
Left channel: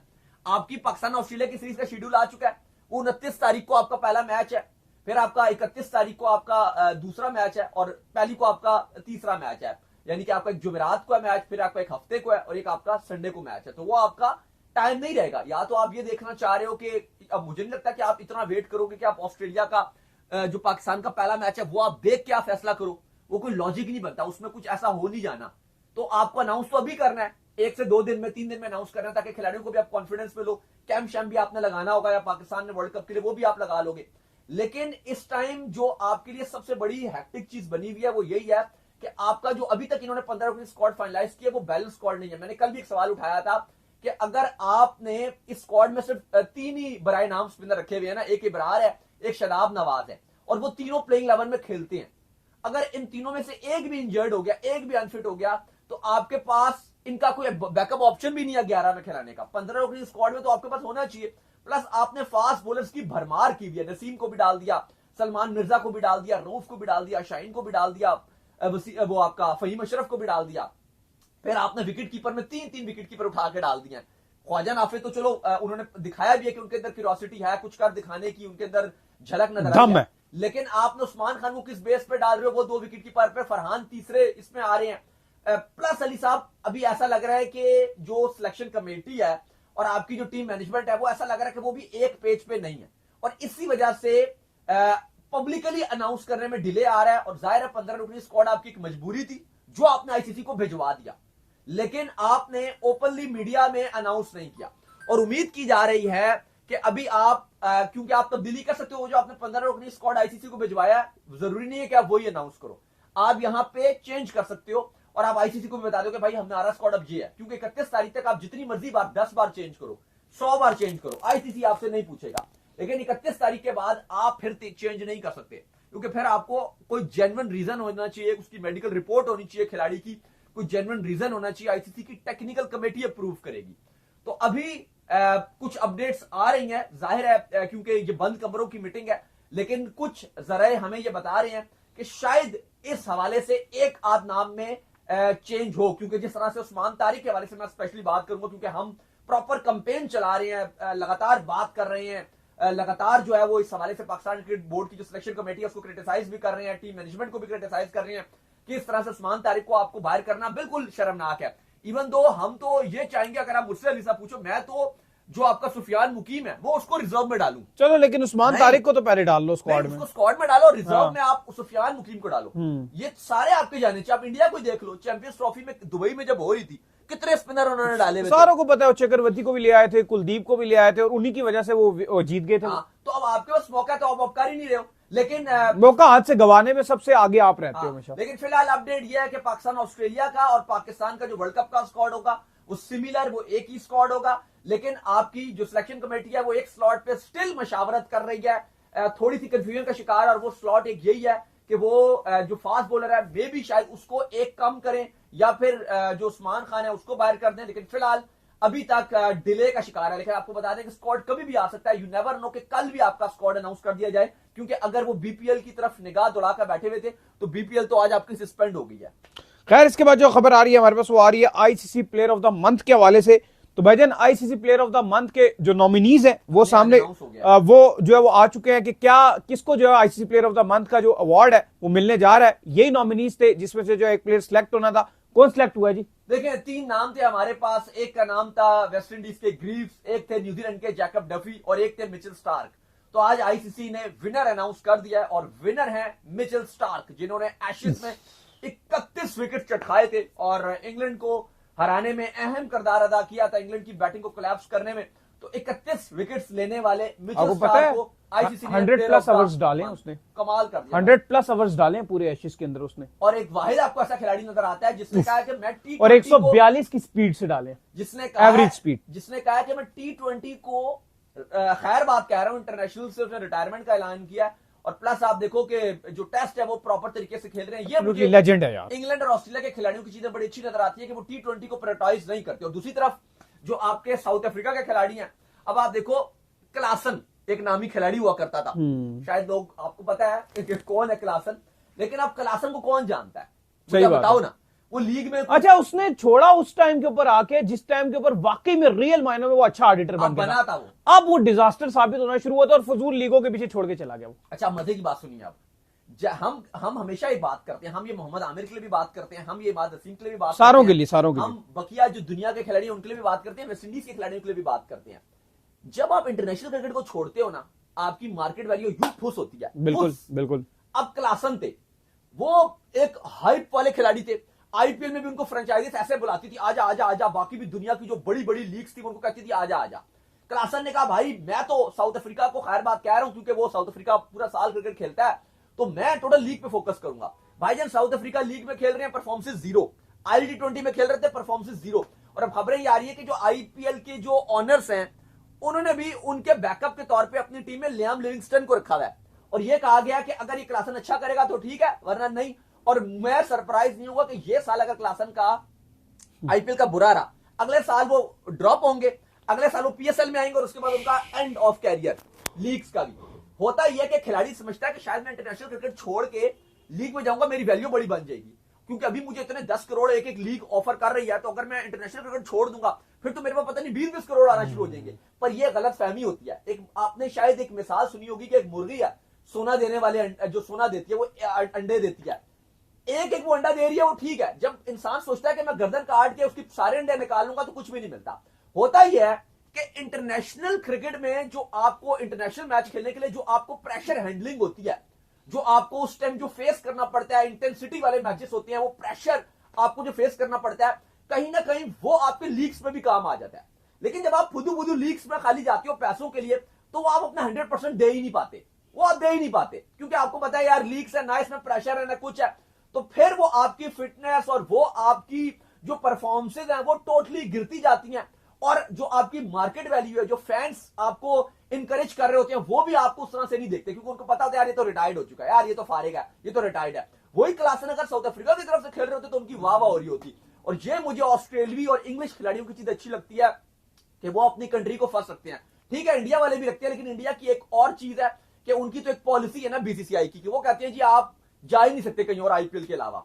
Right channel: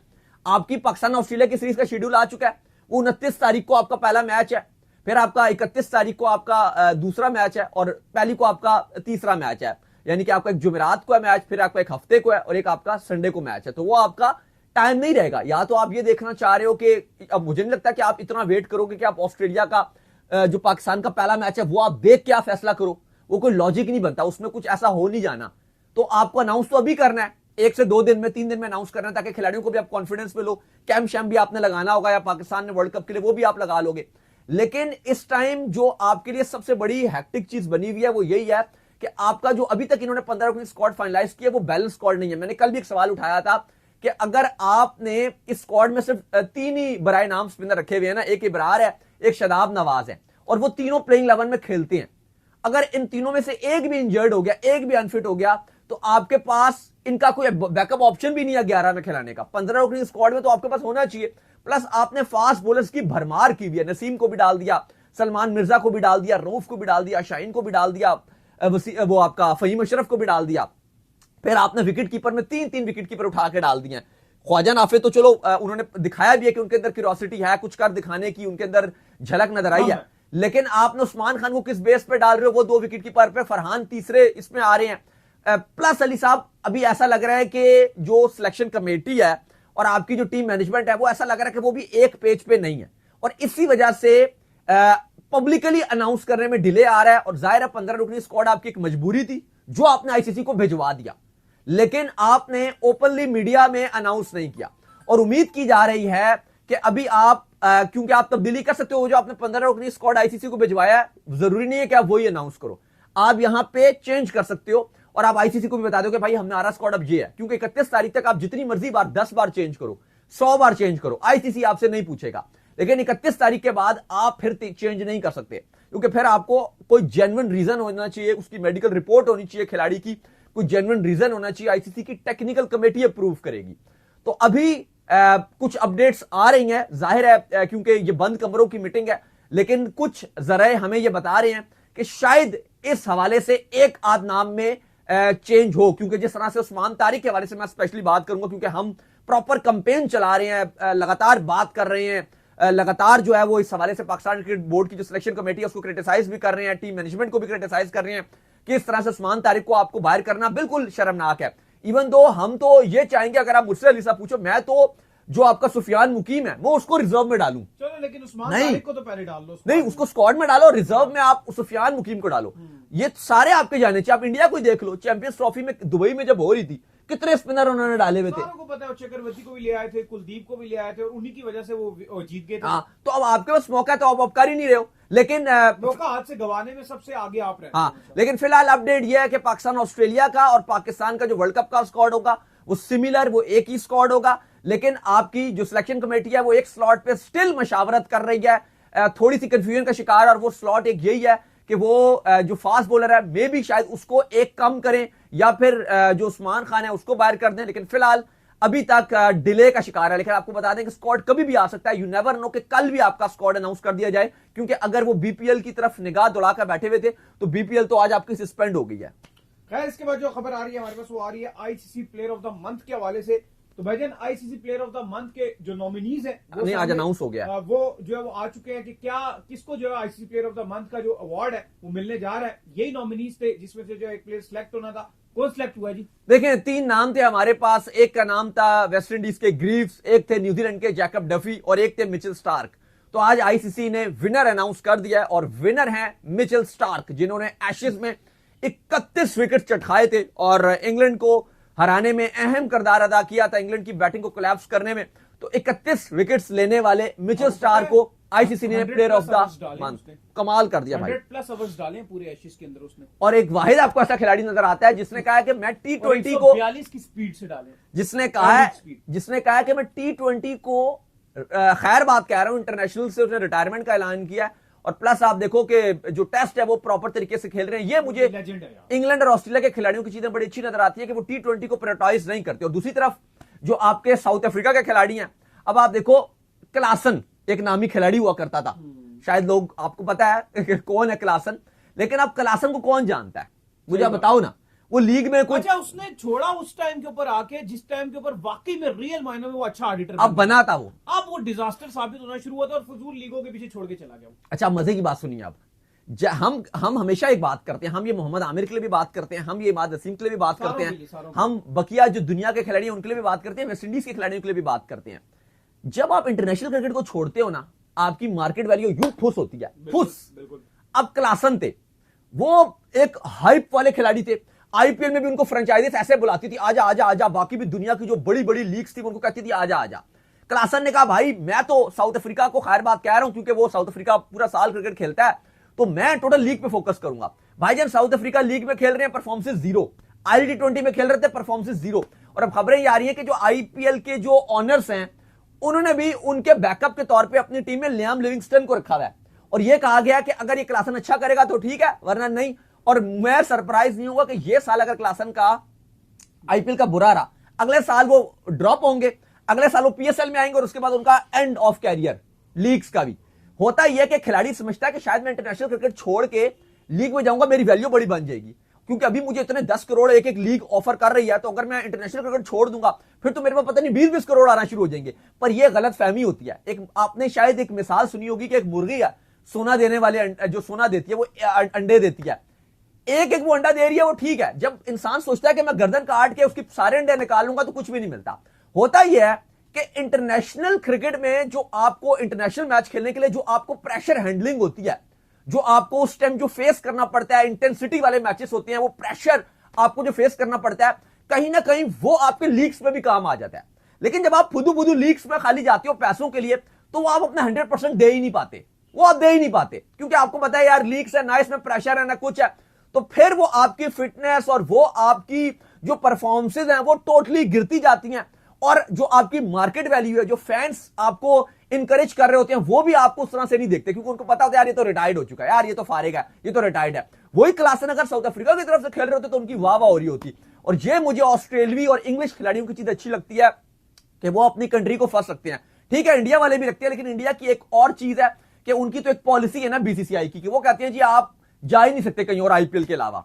आपकी पाकिस्तान ऑस्ट्रेलिया की सीरीज का शेड्यूल आ चुका है, वो 29 तारीख को आपका पहला मैच है, फिर आपका 31 तारीख को आपका दूसरा मैच है, और पहली को आपका तीसरा मैच है, यानी कि आपका एक जुमेरात को है मैच, फिर आपका एक हफ्ते को है, और एक आपका संडे को मैच है। तो वो आपका टाइम नहीं रहेगा। या तो आप ये देखना चाह रहे हो कि, अब मुझे नहीं लगता कि आप इतना वेट करोगे कि आप ऑस्ट्रेलिया का जो पाकिस्तान का पहला मैच है वो आप देख के आप फैसला करो, वो कोई लॉजिक नहीं बनता, उसमें कुछ ऐसा हो नहीं जाना। तो आपको अनाउंस तो अभी करना है, 1 से 2 दिन में, 3 दिन में अनाउंस करना है, ताकि खिलाड़ियों को भी आप कॉन्फिडेंस में लो। कैंप शैम्प भी आपने लगाना होगा, या पाकिस्तान ने वर्ल्ड कप के लिए वो भी आप लगा लोगे। लेकिन इस टाइम जो आपके लिए सबसे बड़ी हैक्टिक चीज बनी हुई है वो यही है कि आपका जो अभी तक इन्होंने 15 रुकनी स्क्वाड फाइनलाइज किया वो बैलेंस स्क्वाड नहीं है। मैंने कल भी एक सवाल उठाया था कि अगर आपने इस स्क्वाड में सिर्फ 3 ही बराए नाम स्पिनर रखे हुए हैं ना, एक इब्रार है, एक शादाब नवाज है, और वो तीनों प्लेइंग 11 में खेलते हैं, अगर इन तीनों में से एक भी इंजर्ड हो गया, एक भी अनफिट हो गया, तो आपके पास इनका कोई बैकअप ऑप्शन भी नहीं है 11 में खिलाने का। 15 रुकनी स्क्वाड में तो आपके पास होना चाहिए। प्लस आपने फास्ट बॉलर्स की भरमार की भी है, नसीम को भी डाल दिया, सलमान मिर्जा को भी डाल दिया, रऊफ को भी डाल दिया, शाहीन को भी डाल दिया, वो आपका फहीम अशरफ को भी डाल दिया। फिर आपने विकेट कीपर में 3-3 विकेट कीपर उठा के डाल दिए। ख्वाजा नाफे तो चलो उन्होंने दिखाया भी है कि उनके अंदर क्यूरियोसिटी है, कुछ कर दिखाने की उनके अंदर झलक नजर आई है, लेकिन आपने उस्मान खान को किस बेस पे डाल रहे हो? वो 2 विकेट कीपर पे, फरहान तीसरे इसमें आ रहे हैं। प्लस अली साहब, अभी ऐसा लग रहा है कि जो सिलेक्शन कमेटी है और आपकी जो टीम मैनेजमेंट है, वो ऐसा लग रहा है कि वो भी एक पेज पे नहीं है, और इसी वजह से पब्लिकली अनाउंस करने में डिले आ रहा है। और जाहिर है 15 रुकनी स्क्वाड आपकी एक मजबूरी थी जो आपने आईसीसी को भिजवा दिया, लेकिन आपने ओपनली मीडिया में अनाउंस नहीं किया। और उम्मीद की जा रही है कि अभी आप क्योंकि आप तब्दीली कर सकते हो, जो आपने 15 रुकनी स्क्वाड आईसीसी को भिजवाया है, जरूरी नहीं है कि आप वही अनाउंस करो, आप यहां पे चेंज कर सकते हो और आप आईसीसी को भी बता दो कि भाई हमारा स्क्वाड अब ये है। क्योंकि 31 तारीख तक आप जितनी मर्जी बार 10 बार चेंज करो, 100 बार चेंज करो, आईसीसी आपसे नहीं पूछेगा। लेकिन 31 तारीख के बाद आप फिर चेंज नहीं कर सकते, क्योंकि फिर आपको कोई जेन्युइन रीजन होना चाहिए, उसकी मेडिकल रिपोर्ट होनी चाहिए खिलाड़ी की, कोई जेन्युइन रीजन होना चाहिए, आईसीसी की टेक्निकल कमेटी अप्रूव करेगी। तो अभी कुछ अपडेट्स आ रही हैं, जाहिर है क्योंकि ये बंद कमरों की मीटिंग है, लेकिन कुछ जराए हमें ये बता रहे हैं कि शायद इस हवाले से एक आध नाम में चेंज हो। क्योंकि जिस तरह से उस्मान तारिक के हवाले से मैं स्पेशली बात करूंगा, क्योंकि हम प्रॉपर कैंपेन चला रहे हैं, लगातार बात कर रहे हैं, लगातार जो है वो इस हवाले से पाकिस्तान क्रिकेट बोर्ड की जो सिलेक्शन कमेटी है उसको क्रिटिसाइज भी कर रहे हैं, टीम मैनेजमेंट को भी क्रिटिसाइज कर रहे हैं कि इस तरह से उस्मान तारिक को आपको बाहर करना बिल्कुल शर्मनाक है। इवन दो हम तो ये चाहेंगे, अगर आप मुझसे अलीसा पूछो, मैं तो जो आपका सुफियान मुकीम है वो उसको रिजर्व में डालूं। चलो, लेकिन उस्मान तारिक को तो पहले डाल लो, नहीं उसको स्क्वाड में डालो, रिजर्व में आप सुफियान मुकीम को डालो। ये सारे आपके जाने चाहिए। आप इंडिया को देख लो, चैंपियंस ट्रॉफी में दुबई में जब हो रही थी, कितने स्पिनर उन्होंने डाले हुए थे, सारों को पता है। चक्रवर्ती को भी ले आए थे, कुलदीप को भी ले आए थे, और उन्हीं की वजह से वो जीत गए थे। तो अब आपके पास मौका है, तो आप कर ही नहीं रहे हो। लेकिन मौका हाथ से गंवाने में सबसे आगे आप रहते हो। लेकिन फिलहाल अपडेट यह है कि पाकिस्तान ऑस्ट्रेलिया का और पाकिस्तान का जो वर्ल्ड कप का स्क्वाड होगा वो सिमिलर, वो एक ही स्क्वाड होगा। लेकिन आपकी जो सिलेक्शन कमेटी है वो एक स्लॉट पे स्टिल मशावरत कर रही है, थोड़ी सी कंफ्यूजन का शिकार। और वो स्लॉट एक यही है कि वो जो फास्ट बॉलर है मे भी शायद उसको एक कम करें, या फिर जो उस्मान खान है उसको बाहर कर दें। लेकिन फिलहाल अभी तक डिले का शिकार है। लेकिन आपको बता दें कि स्क्वाड कभी भी आ सकता है, यू नेवर नो कि कल भी आपका स्क्वाड अनाउंस कर दिया जाए। क्योंकि अगर वो बीपीएल की तरफ निगाह दौड़ाकर बैठे हुए थे, तो बीपीएल तो आज आपकी सस्पेंड हो गई है। खैर, इसके बाद जो खबर आ रही है हमारे पास, वो आ रही है ICC player of the month के हवाले से। तो भाईजान, ICC player of the month के जो नॉमिनीज हैं वो सामने अनाउंस हो गया, वो जो है वो आ चुके हैं कि क्या किसको जो है ICC player of the month का जो अवार्ड है वो मिलने जा रहा है। यही नॉमिनीज थे जिसमें से जो एक प्लेयर सिलेक्ट होना था। कौन सिलेक्ट हुआ है जी? देखें, 3 नाम थे हमारे पास। एक का नाम था वेस्ट इंडीज के ग्रीव्स, एक थे न्यूजीलैंड के जैकब डफी, और एक थे मिचेल स्टार्क। तो आज आईसीसी ने विनर अनाउंस कर दिया है, और विनर है मिचेल स्टार्क, जिन्होंने एशेज में 31 विकेट चटकाए थे और इंग्लैंड को हराने में अहम किरदार अदा किया था, इंग्लैंड की बैटिंग को कोलैप्स करने में। तो 31 विकेट्स लेने वाले मिचेल स्टार्क को आईसीसी ने प्लेयर ऑफ द मंथ, कमाल कर दिया। 100+ ओवर्स डाले पूरे एशेज के अंदर उसने। और एक वाहिद आपको ऐसा खिलाड़ी नजर आता है जिसने कहा है कि मैं टी20 को 142 की स्पीड से डाले, जिसने कहा है कि मैं टी20 को खैर बात कह रहा हूं, इंटरनेशनल से उसने रिटायरमेंट का ऐलान किया। और प्लस आप देखो कि जो टेस्ट है वो प्रॉपर तरीके से खेल रहे हैं। ये मुझे लेजेंड है यार। इंग्लैंड और ऑस्ट्रेलिया के खिलाड़ियों की चीजें बड़ी अच्छी नजर आती है कि वो टी20 को प्रायोरिटाइज नहीं करते। और दूसरी तरफ जो आपके साउथ अफ्रीका के खिलाड़ी हैं, अब आप देखो, क्लासन एक नामी खिलाड़ी हुआ करता था, शायद लोग आपको पता है कौन है क्लासन, लेकिन अब क्लासन को कौन जानता है? मुझे बताओ ना। वो लीग में अच्छा, उसने छोड़ा उस टाइम के ऊपर आके जिस टाइम के ऊपर वाकई में रियल मायनों में वो अच्छा ऑडिटर बना था वो। अब वो डिजास्टर साबित होना शुरू हुआ था और फजूल लीगों के पीछे छोड़ के चला गया वो। अच्छा, मजे की बात सुनिए आप। हम हमेशा एक बात करते हैं, हम ये मोहम्मद आमिर के लिए भी बात करते हैं, हम ये इमाद वसीम के लिए भी बात करते हैं, सारों के लिए। हम बकिया जो दुनिया के खिलाड़ी हैं उनके लिए भी बात करते हैं, वेस्ट इंडीज के खिलाड़ियों के लिए भी बात करते हैं। जब आप इंटरनेशनल क्रिकेट को छोड़ते हो ना, आपकी मार्केट वैल्यू यूं फुस होती है। बिल्कुल। अब क्लासन थे, वो एक हाइप वाले खिलाड़ी थे। आईपीएल में भी उनको फ्रेंचाइजीज ऐसे बुलाती थी, आजा आजा आजा। बाकी भी दुनिया की जो बड़ी बड़ी लीग्स थी उनको कहती थी आजा आजा। क्लासन ने कहा भाई मैं तो साउथ अफ्रीका को खैर बात कह रहा हूं, क्योंकि वो साउथ अफ्रीका पूरा साल क्रिकेट खेलता है, तो मैं टोटल लीग पे फोकस करूंगा। भाईजान, साउथ अफ्रीका लीग में खेल रहे हैं, परफॉर्मेंस 0। ILT20 में खेल रहे थे, परफॉर्मेंस 0। और अब खबरें ये आ रही है कि जो आईपीएल के जो ऑनर्स हैं उन्होंने भी उनके बैकअप के तौर पे अपनी टीम में लियाम लिविंगस्टन को रखा है। और यह कहा गया कि अगर ये क्लासन अच्छा करेगा तो ठीक है, वरना नहीं। और मैं सरप्राइज नहीं होगा कि ये साल अगर क्लासन का आईपीएल का बुरा रहा, अगले साल वो ड्रॉप होंगे, अगले साल वो पीएसएल में आएंगे, और उसके बाद उनका एंड ऑफ कैरियर लीग्स का भी होता ही है कि खिलाड़ी समझता है कि शायद मैं इंटरनेशनल क्रिकेट छोड़ के लीग में जाऊंगा, मेरी वैल्यू बड़ी बन जाएगी। क्योंकि अभी मुझे इतने 10 करोड़ एक लीग ऑफर कर रही है, तो अगर मैं इंटरनेशनल क्रिकेट छोड़ दूंगा फिर तो मेरे पास पता नहीं 20-20 करोड़ आना शुरू हो जाएंगे। पर यह गलत फहमी होती है। एक आपने शायद एक मिसाल सुनी होगी कि एक मुर्गी है, सोना देने वाले जो सोना देती है वो अंडे देती है, एक एक वो अंडा दे रही है, वो ठीक है। जब इंसान सोचता है कि मैं गर्दन काट के उसकी सारे अंडे निकालूंगा तो कुछ भी नहीं मिलता। होता ही है कि इंटरनेशनल क्रिकेट में जो आपको इंटरनेशनल मैच खेलने के लिए जो आपको प्रेशर हैंडलिंग होती है, जो आपको उस टाइम जो फेस करना पड़ता है, इंटेंसिटी वाले मैचेस होते हैं, वो प्रेशर आपको जो फेस करना पड़ता है, कहीं ना कहीं वो आपके लीग्स में भी काम आ जाता है। लेकिन जब आप फुदू बुदू लीग्स में खाली जाते हो पैसों के लिए, तो वो आप अपना 100% दे ही नहीं पाते, वो आप दे ही नहीं पाते, क्योंकि आपको पता है यार लीग्स है ना, इसमें प्रेशर है ना कुछ है, तो फिर वो आपकी फिटनेस और वो आपकी जो परफॉर्मेंसेज हैं वो टोटली गिरती जाती हैं। और जो आपकी मार्केट वैल्यू है, जो फैंस आपको इनकरेज कर रहे होते हैं, वो भी आपको उस तरह से नहीं देखते, क्योंकि उनको पता होता है यार ये तो रिटायर्ड हो चुका है, यार ये तो फारिग है, ये तो रिटायर्ड है। वही क्लासन अगर साउथ अफ्रीका की तरफ से खेल रहे होते तो उनकी वाह वाह हो रही होती। और ये मुझे ऑस्ट्रेलियाई और इंग्लिश खिलाड़ियों की चीज अच्छी लगती है कि वो अपनी कंट्री को फर्स्ट रखते हैं। ठीक है, इंडिया वाले भी रखते हैं, लेकिन इंडिया की एक और चीज है कि उनकी तो एक पॉलिसी है ना बीसीसीआई की, कि वो कहते हैं जी आप जा ही नहीं सकते कहीं और आईपीएल के अलावा।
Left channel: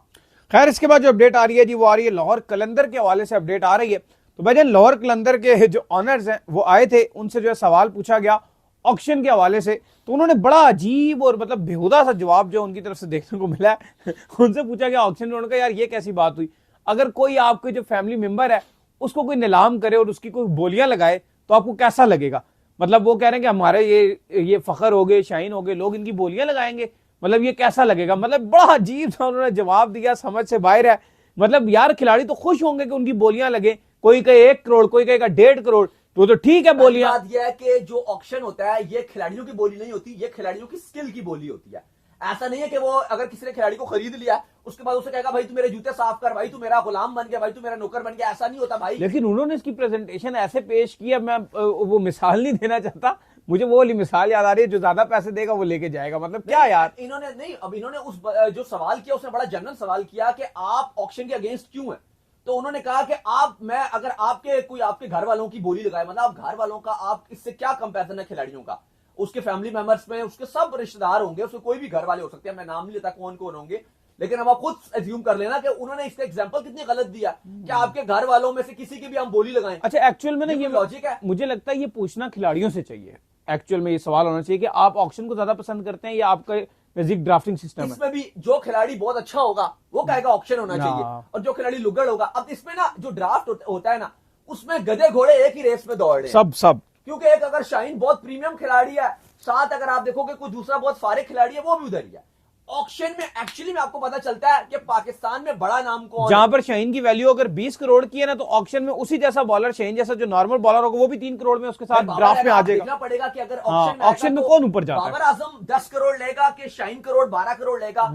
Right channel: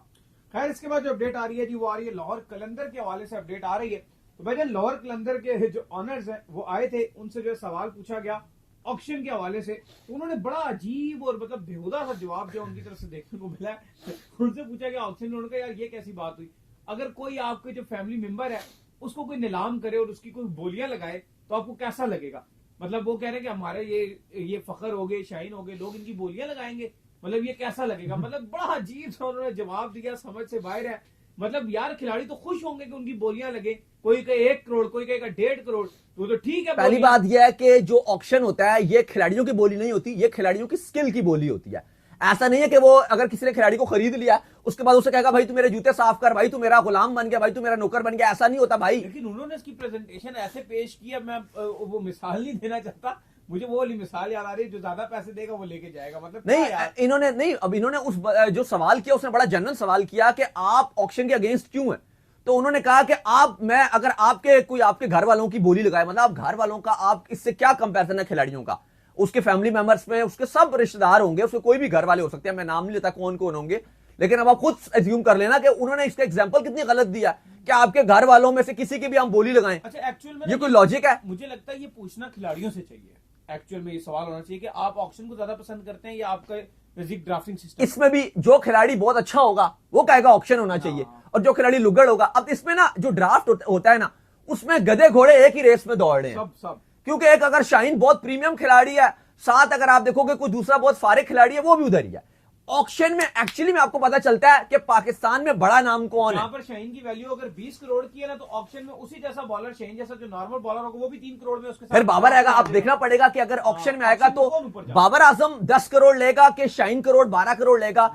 खैर, इसके बाद जो अपडेट आ रही है जी वो आ रही है लाहौर कलंदर के हवाले से अपडेट आ रही है। तो भाईजान, लाहौर कलंदर के जो ऑनर्स हैं वो आए थे, उनसे जो है सवाल पूछा गया ऑक्शन के हवाले से, तो उन्होंने बड़ा अजीब और मतलब बेहुदा सा जवाब जो उनकी तरफ से देखने को मिला है। उनसे पूछा गया ऑक्शन में, उन्होंने कहा यार ये कैसी बात हुई, अगर कोई आपके जो फैमिली मेंबर है उसको कोई नीलाम करे और उसकी कोई बोलियां लगाए तो आपको कैसा लगेगा। मतलब वो कह रहे हैं कि हमारे ये फखर हो गए, शाहीन हो गए, लोग इनकी बोलियां लगाएंगे, मतलब ये कैसा लगेगा। मतलब बड़ा अजीब सा उन्होंने जवाब दिया, समझ से बाहर है। मतलब यार खिलाड़ी तो खुश होंगे कि उनकी बोलियां लगे, कोई कहे 1 करोड़, कोई कहेगा 1.5 करोड़, तो ठीक है। पहली बात यह है कि जो ऑक्शन होता है ये खिलाड़ियों की बोली नहीं होती, ये खिलाड़ियों की स्किल की बोली होती है। ऐसा नहीं है कि वो अगर किसी ने खिलाड़ी को खरीद लिया उसके बाद उसे कहेगा भाई तू मेरे जूते साफ कर, भाई तू मेरा गुलाम बन गया, भाई तू मेरा नौकर बन गया, ऐसा नहीं होता भाई। लेकिन उन्होंने इसकी प्रेजेंटेशन ऐसे पेश किया, मैं वो मिसाल नहीं देना चाहता, मुझे वो वाली मिसाल याद आ रही है, जो ज्यादा पैसे देगा वो लेके जाएगा। मतलब क्या यार, इन्होंने उस जो सवाल किया उसने बड़ा जनरल सवाल किया कि आप ऑक्शन के अगेंस्ट क्यों है। तो उन्होंने कहा कि अगर आपके घर वालों की बोली लगाए, मतलब आप घर वालों का, आप इससे क्या कंपैरिजन है खिलाड़ियों का, उसके फैमिली मेंबर्स में उसके सब रिश्तेदार होंगे, उसके कोई भी घर वाले हो सकते हैं, मैं नाम नहीं लेता कौन कौन होंगे, लेकिन अब आप खुद एज्यूम कर लेना कि उन्होंने इसका एग्जांपल कितनी गलत दिया कि आपके घर वालों में से किसी की भी हम बोली लगाएं। अच्छा, एक्चुअल में ये लॉजिक है? मुझे लगता है ये पूछना खिलाड़ियों से चाहिए, एक्चुअल में ये सवाल होना चाहिए कि आप ऑक्शन को ज्यादा पसंद करते हैं या आपका बेसिक ड्राफ्टिंग सिस्टम। इसमें भी जो खिलाड़ी बहुत अच्छा होगा वो कहेगा ऑक्शन होना चाहिए, और जो खिलाड़ी लुगड़ होगा, अब इसमें ना जो ड्राफ्ट होता है ना, उसमें गधे घोड़े एक ही रेस में दौड़ रहे हैं सब, क्योंकि एक अगर शाहीन बहुत प्रीमियम खिलाड़ी है, साथ अगर आप देखोगे कोई दूसरा बहुत फारे खिलाड़ी है, वो भी उधर ही है। ऑक्शन में एक्चुअली में आपको पता चलता है कि पाकिस्तान में बड़ा नाम कौन है। जहां पर शाहीन की वैल्यू अगर 20 करोड़ की है ना, तो ऑक्शन में उसी जैसा बॉलर, शाहीन जैसा जो नॉर्मल बॉलर होगा, वो भी 3 करोड़ में उसके साथ बाबर आएगा। आप देखना पड़ेगा कि अगर ऑक्शन में आएगा तो कौन ऊपर जाएगा। बाबर आजम 10 करोड़ लेगा कि शाहीन करोड़ 12 करोड़ लेगा,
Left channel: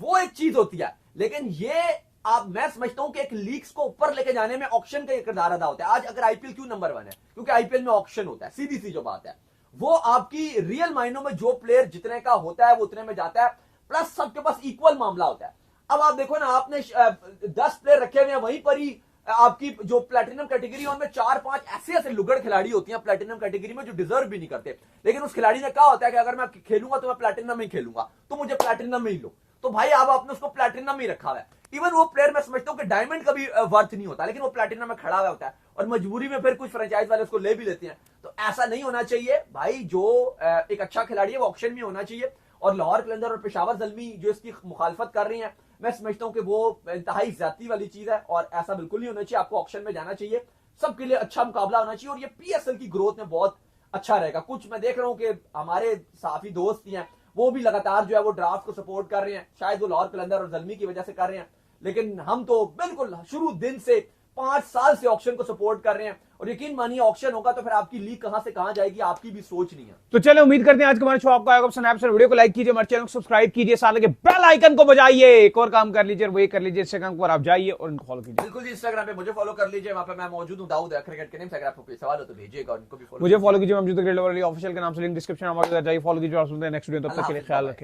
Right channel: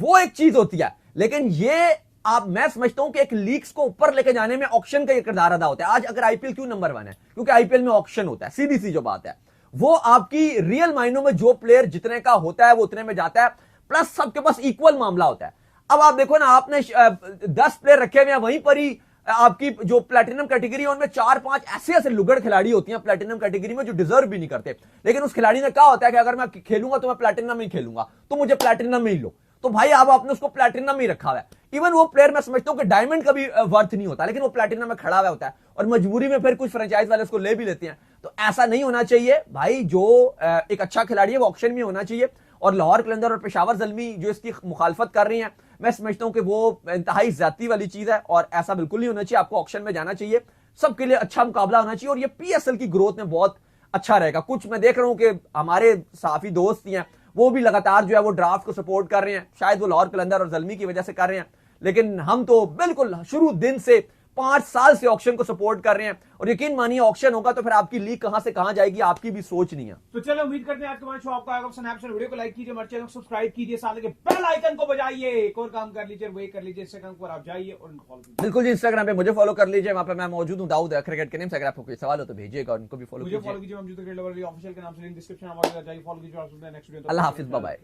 वो एक चीज होती है। लेकिन ये मैं समझता हूं कि एक लीग्स को ऊपर लेके जाने में ऑक्शन का किरदार अदा होता है। आज अगर आईपीएल क्यों नंबर 1 है, क्योंकि आईपीएल में ऑक्शन होता है, सीधी सी जो बात है, वो आपकी रियल मायनों में जो प्लेयर जितने का होता है वो उतने में जाता है, प्लस सबके पास इक्वल मामला होता है। अब आप देखो ना, आपने 10 प्लेयर रखे हुए हैं, वहीं पर ही आपकी जो प्लैटिनम कैटेगरी है उनमें 4-5 ऐसे लुगड़ खिलाड़ी होती हैं प्लैटिनम कैटेगरी में जो डिजर्व भी नहीं करते, लेकिन उस खिलाड़ी ने क्या होता है कि अगर मैं खेलूंगा तो मैं प्लैटिनम ही खेलूंगा, तो मुझे प्लैटिनम में ही लो। तो भाई अब आपने उसको प्लैटिनम में ही रखा हुआ है। इवन वो प्लेयर मैं समझता हूं कि डायमंड का भी वर्थ नहीं होता, लेकिन वो प्लैटिनम में खड़ा हुआ होता है, और मजबूरी में फिर कुछ फ्रेंचाइज वाले उसको ले भी लेते हैं। तो ऐसा नहीं होना चाहिए भाई, जो एक अच्छा खिलाड़ी है वो ऑक्शन में होना चाहिए। और लाहौर कलंदर और पेशावर ज़ल्मी जो इसकी मुखालफत कर रही हैं, मैं समझता हूं कि वो इंतहाई ज्यादती वाली चीज है, और ऐसा बिल्कुल नहीं होना चाहिए। आपको ऑक्शन में जाना चाहिए, सबके लिए अच्छा मुकाबला होना चाहिए, और ये पीएसएल की ग्रोथ में बहुत अच्छा रहेगा। कुछ मैं देख रहा हूं कि हमारे साफी दोस्त हैं वो भी लगातार जो है वो ड्राफ्ट को सपोर्ट कर रहे हैं, शायद वो लाहौर कलंदर और ज़ल्मी की वजह से कर रहे हैं, लेकिन हम तो बिल्कुल शुरू दिन से 5 साल से ऑक्शन को सपोर्ट कर रहे हैं। और यकीन मानिए ऑक्शन होगा तो फिर आपकी लीग कहां से कहां जाएगी, आपकी भी सोच नहीं है। तो चलो, उम्मीद करते हैं आज का हमारा शो आपको आएगा पसंद। वीडियो को लाइक कीजिए, हमारे चैनल को सब्सक्राइब कीजिए, साथ लगे बेल आइकन को बजाइए, एक और काम कर लीजिए, वही कर लीजिए, इंस्टाग्राम पर आप जाइए और उनको फॉलो कीजिए। बिल्कुल जी, इंस्टाग्राम पे मुझे फॉलो कर लीजिए, वहां पे मैं मौजूद हूं, दाऊद क्रिकेट के नेम से। अगर आपको कोई सवाल हो तो भेजिएगा, और उनको भी मुझे फॉलो कीजिए, ऑफिशियल के नाम से लिंक डिस्क्रिप्शन में जाइए, फॉलो कीजिए और सुनते हैं नेक्स्ट वीडियो। तब तक के लिए ख्याल रखिएगा।